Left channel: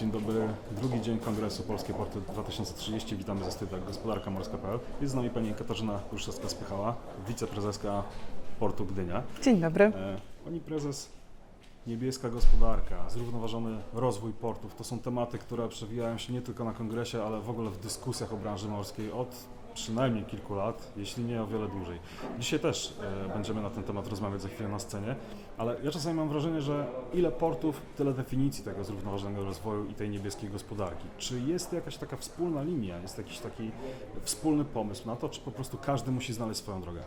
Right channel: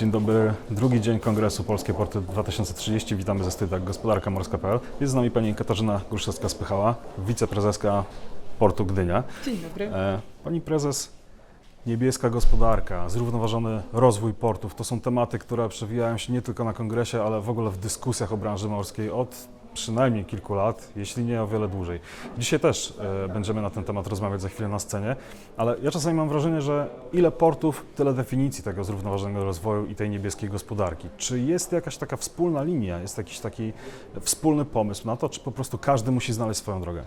Dzień dobry, drugi dzień Kongresu Polskie Porty 2030. Witamy ze Stydak Gospodarka Morska.pl. Jest z nami pani Katarzyna Gruszewska-Spychała, wiceprezeska Portu Gdynia. Dzień dobry. E, Pani prezes, niebieska gospodarka, zrównoważony rozwój portów to są tematy, które przewijają się nie tylko na kongresie, ale w ogóle w dyskusjach o branży morskiej od przynajmniej kilku lat, jeśli nie o wiele dłużej. Dzisiaj też e, będziemy na ten temat rozmawiać za chwilę na scenie, ale ja czasami mam wrażenie, że ile portów, tyle definicji tego zrównoważonego rozwoju i tej niebieskiej gospodarki. Czy jest jakaś taka wspólna linia, jest jakiś taki wspólny pomysł na to, czy po prostu każdy musi znaleźć swoją drogę?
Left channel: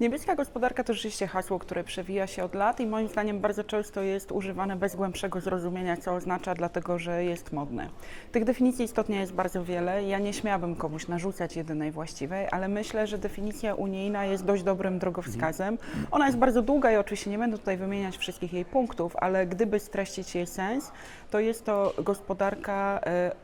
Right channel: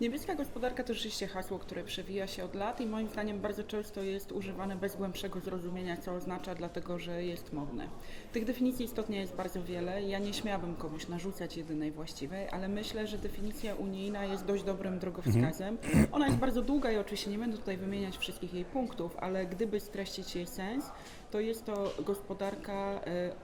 Niebieska gospodarka to rzeczywiście hasło, które przewija się od lat i moim zdaniem bardzo często jest używane bez głębszego zrozumienia, co oznacza, dlatego że jest modne. Tych definicji istotnie jest bardzo wiele. Ja nie śmiałabym komuś narzucać jedynej właściwej, ale myślę, że definicja unijna jest dość dobrym drogowskazem. Ona jest bardzo długa i oczywiście nie będę tutaj wymieniać wszystkich jej punktów, ale gdyby streścić jej sens, to jest to gospodarka. e,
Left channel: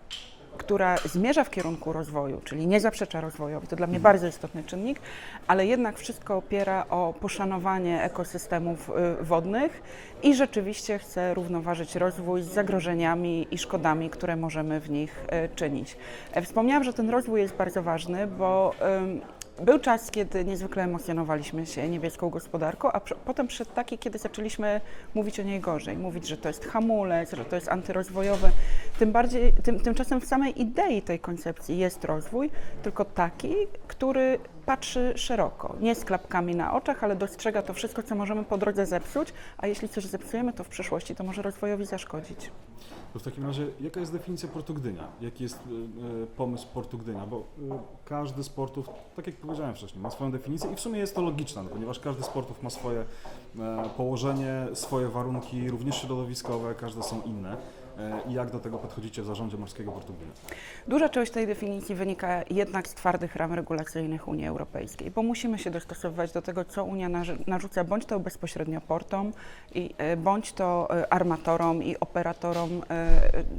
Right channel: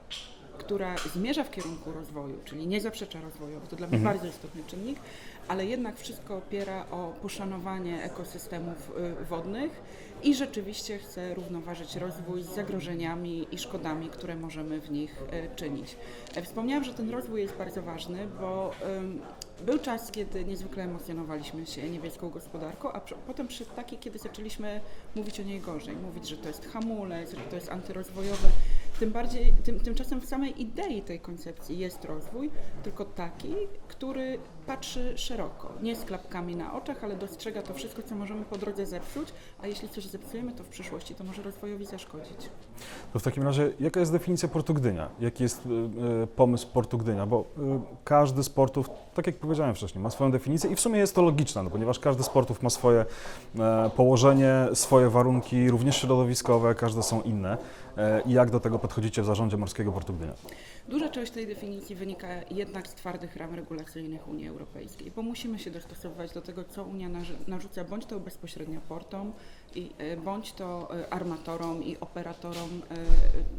która zmierza w kierunku rozwoju, czyli nie zaprzecza rozwojowi, to dla mnie bardzo istotny czynnik, ale jednak wszystko opiera o poszanowanie ekosystemów y, wodnych i rzeczywiście chce równoważyć rozwój z zagrożeniami i szkodami, które możemy w nich y, czynić. E, Wspomniałam, że ten rozwój jest bardzo ważny, bo był czas, kiedy niezwykle emocjonowaliśmy się niebieską gospodarką, a przy, potem przyszedł taki, kiedy zaczęliśmy mówić o niej gorzej, mówić, że to jest hamulec, że to jest antyrozwojowe. Tym bardziej, tym, tymczasem w samej idei tej koncepcji jest rozwój, tylko taki, który patrzy szeroko, nie z klapkami na oczach, ale dostrzega to wszystko, co możemy po drodze zepsuć, a jeśli coś zepsujemy, to w przyszłości to może rozwojowi zaszkodzić. To w takim razie, jaka jest definicja Portu Gdynia? Jaki jest y, y, pomysł Portu Gdynia? Bo y, każdy z portów, tak jak powiedziałem wcześniej, ma swoją definicję i w sumie jest to logiczne, no, ponieważ każdy z portów ma swoje e, położenie, swoje warunki, również środowiskowe, każde są inne. E, I jak do tego podchodzicie w zarządzie Morskiego Portu Gdynia? Duża część tej definicji wynika jednak z twardych ram regulacyjnych Unii Europejskiej, bo musimy się dostosowywać do tego, co Unia narzuca, bądź to bezpośrednio portom, i, e, bądź to e, armatorom i operatorom,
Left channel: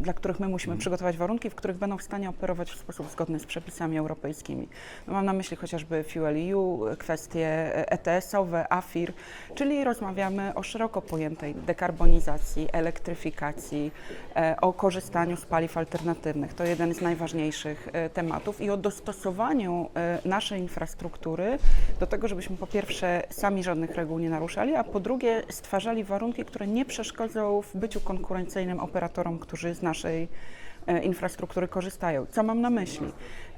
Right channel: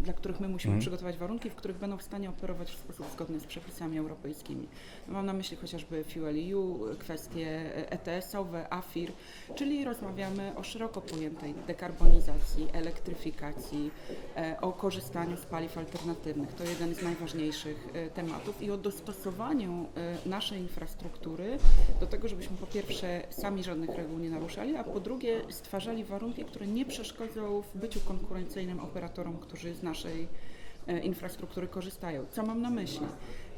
dla których my musimy Mhm. przygotować warunki, w których będą w stanie operować w sposób zgodny z przepisami europejskimi. No, Mam na myśli chociażby Fuel EU, kwestie ETS-owe, AFIR, czyli rozmawiamy o szeroko pojętej dekarbonizacji, elektryfikacji, o korzystaniu z paliw alternatywnych. To jeden z najważniejszych e, tematów i o dostosowaniu e, naszej infrastruktury do tego, żebyśmy po pierwsze sami żadnych reguł nie naruszali, a po drugie stwarzali warunki, które nie przeszkodzą w byciu konkurencyjnym operatorom, którzy z naszej e, infrastruktury korzystają. Co mam na myśli?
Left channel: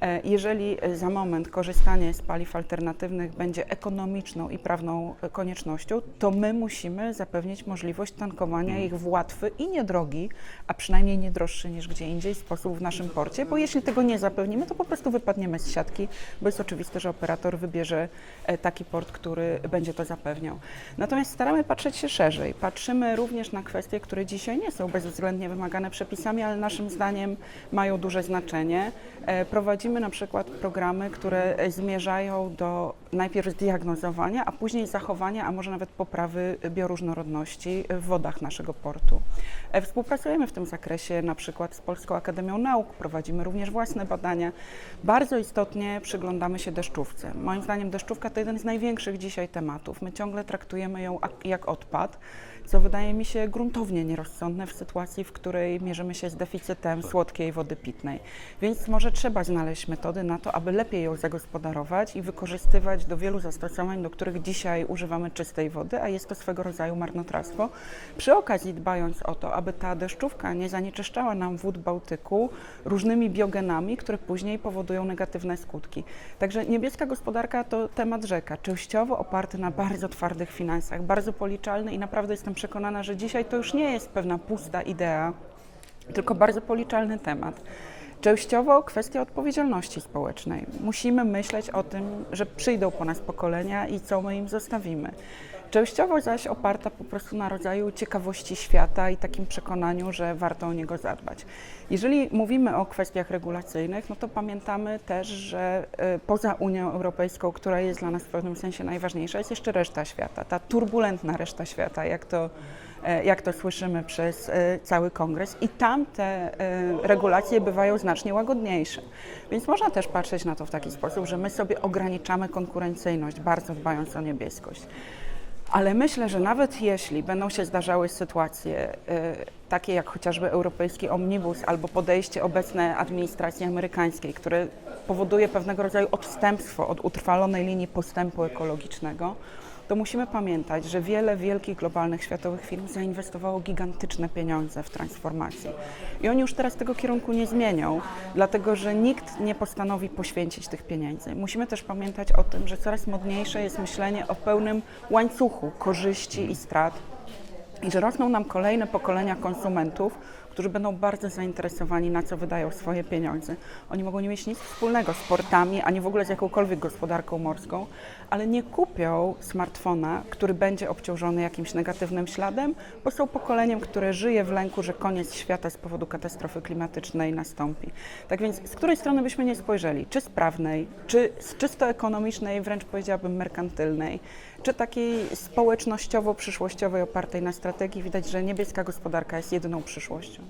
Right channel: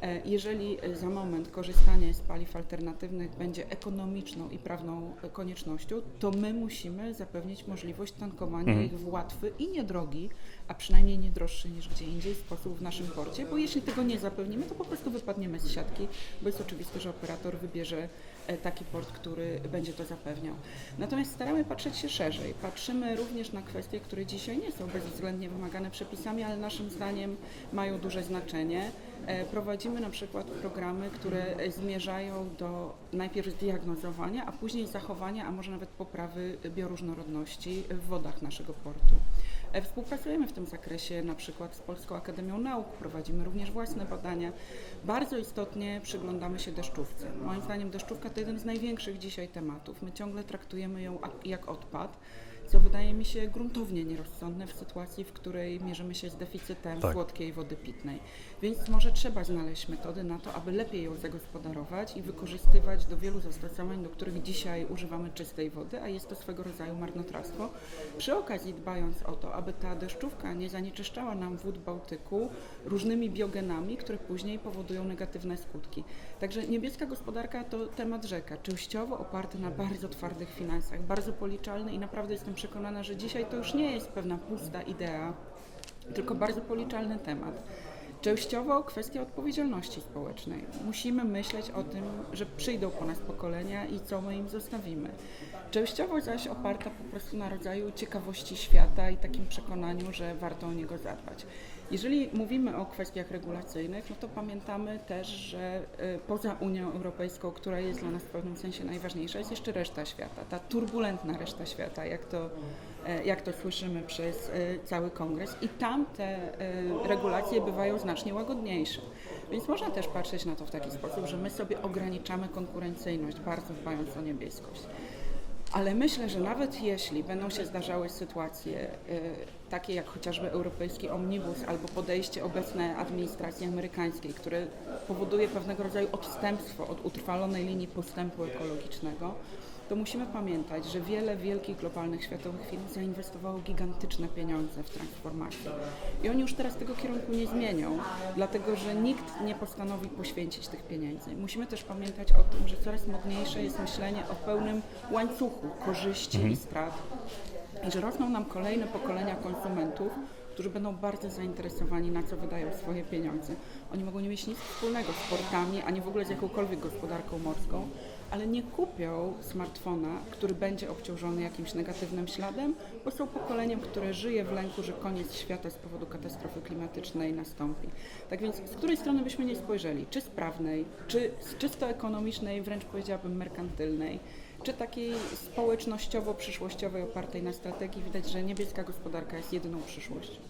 E, Jeżeli e, za moment korzystanie z paliw alternatywnych będzie ekonomiczną i prawną e, koniecznością, to my musimy zapewnić możliwość tankowania Mhm. ich w łatwy i niedrogi, a przynajmniej nie droższy niż gdzie indziej sposób w naszym porcie, bo jeśli tego nie zapewnimy, to po prostu wypadniemy z siatki, bo jest oczywiste, że operator wybierze taki port, który będzie to zapewniał. Natomiast staramy patrzeć się szerzej. Patrzymy również na kwestie, które dzisiaj nie są bezwzględnie wymagane przepisami, ale naszym zdaniem mają duże znaczenie. E, Prowadzimy na przykład programy, które e, zmierzają do najpierw zdiagnozowania, a później zachowania, a może nawet poprawy bioróżnorodności w wodach naszego portu. E, Współpracujemy w tym zakresie na przykład z Polską Akademią Nauk, prowadzimy również własne badania. Bardzo istotnie przyglądamy się deszczówce. Moim zdaniem deszczówka to jeden z największych dzisiaj tematów. My ciągle traktujemy ją ak- jak odpad, co wydaje mi się gruntownie nierozsądne w sytuacji, w której mierzymy się z deficytem Tak. słodkiej wody pitnej. Więc może trzeba znaleźć metody na to, aby lepiej ją zagospodarować i wykorzystywać do wielu zastosowań, do których dzisiaj używamy czystej wody, a jest to swego rodzaju marnotrawstwo. Przy okazji dbając o to, aby ta deszczówka nie zanieczyszczała nam wód Bałtyku różnymi biogenami, które później powodują negatywne skutki. Także niebieska gospodarka to temat rzeka, częściowo oparty na bardzo twardych finansach, bardzo policzalny i naprawdę jestem przekonana, że dzisiaj to już nie jest pewna pusta idea, tylko bardzo policzalny temat. Częściowo kwestia odpowiedzialności społecznej. Musimy myśleć o tym, że przyjdą po nas pokolenia i co my im zostawimy. Częściowo zaś oparta po prostu na rodzaju ciekawości świata i takim przekonaniu, że warto o niego zadbać. Jeżeli mówimy o kwestiach regulacyjnych, no to pamiętamy też, że y, poza Unią Europejską, która jest dla nas w pewnym sensie najważniejsza, jest jeszcze reszta świata, ta turbulentna reszta świata, jak to, e, jak to słyszymy przez e, cały kongres. I tam te regulacje bywają znacznie łagodniejsze. Więc można też patrzeć na to w taki sposób, że my sobie ograniczamy konkurencyjność, bardzo dbając o niebieskość. Ale myślę, że nawet jeśli będą się zdarzały sytuacje y, takie jak chociażby europejski omnibus albo podejście obecnej administracji amerykańskiej, które powoduje pewnego rodzaju odstępstwo od utrwalonej linii postępu ekologicznego, to musimy pamiętać, że wiele wielkich globalnych światowych firm zainwestowało gigantyczne pieniądze w transformację. I oni już teraz tego kierunku nie zmienią, dlatego że nikt nie postanowi poświęcić tych pieniędzy. Musimy też pamiętać o tym, że coraz modniejsze jest myślenie o pełnym łańcuchu korzyści i strat i że rosną nam kolejne pokolenia konsumentów, którzy będą bardzo zainteresowani, na co wydają swoje pieniądze. Oni mogą nie mieć nic wspólnego z portami, ani w ogóle z jakąkolwiek gospodarką morską, ale nie kupią smartfona, który będzie obciążony jakimś negatywnym śladem, bo są pokoleniem, które żyje w lęku, że koniec świata z powodu katastrofy klimatycznej nastąpi. Tak więc z której strony byśmy nie spojrzeli, czy z prawnej, czy z czysto ekonomicznej, wręcz powiedziałabym merkantylnej, czy takiej społecznościowo-przyszłościowej opartej na strategii, widać, że niebieska gospodarka jest jedyną przyszłością.